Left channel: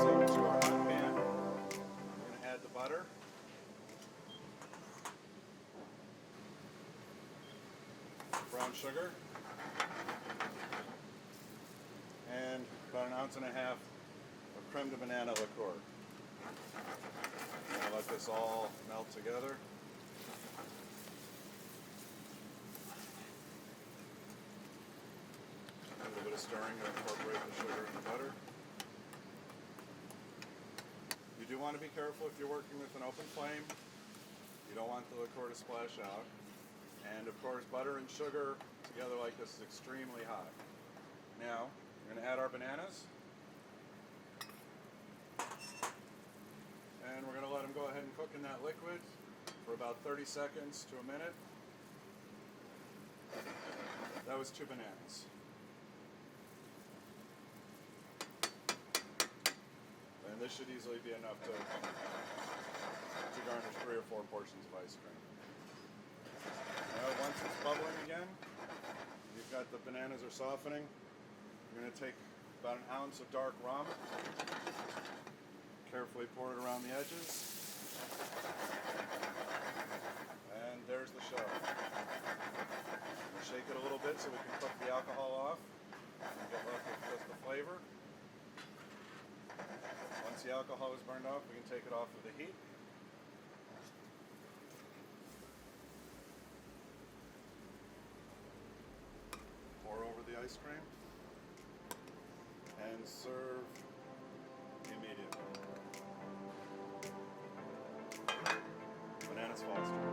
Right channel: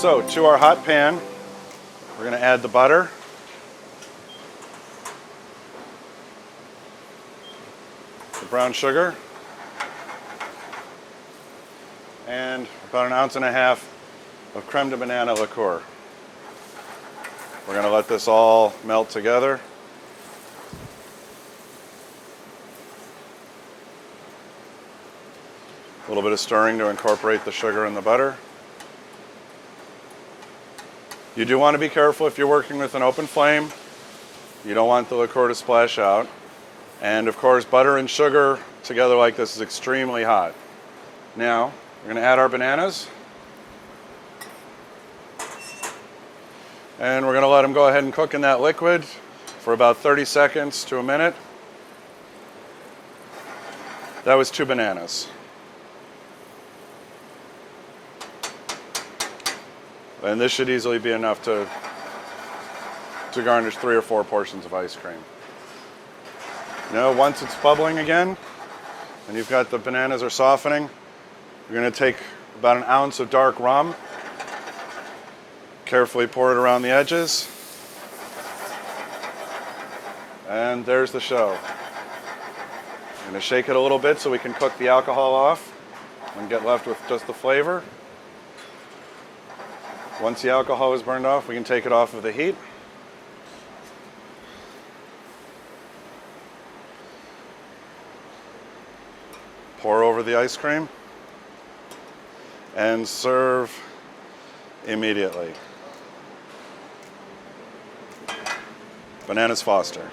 So to our hot pan, we're going to add the butter. The brown sugar. And about 1.5 ounces of creme de banana liqueur. We're going to let this all melt together. A little bit of stirring to incorporate the sugar and the butter. You do want to be careful if you're working with an open flame. You don't want the liqueur to splash out. And of course, butter and sugar together like this is extremely hot. Now, we're going to add our bananas. And we're going to let them go ahead and cook in that liquid for about 30 seconds to a minute. That was 2 bananas. And this should easily be enough to garnish 3 or 4 portions of ice cream. Now, once it's bubbling again, and you've got the bananas are softening, you're going to take about 1 ounce of dark rum, carefully pour it around the edges, and there's the show. I'm going to shake it a little bit so we can cook the alcohol off and get left with just the flavor. Once the alcohol is burned off, we can take it off of the heat. Pour over the ice cream and serve immediately. Bananas Foster.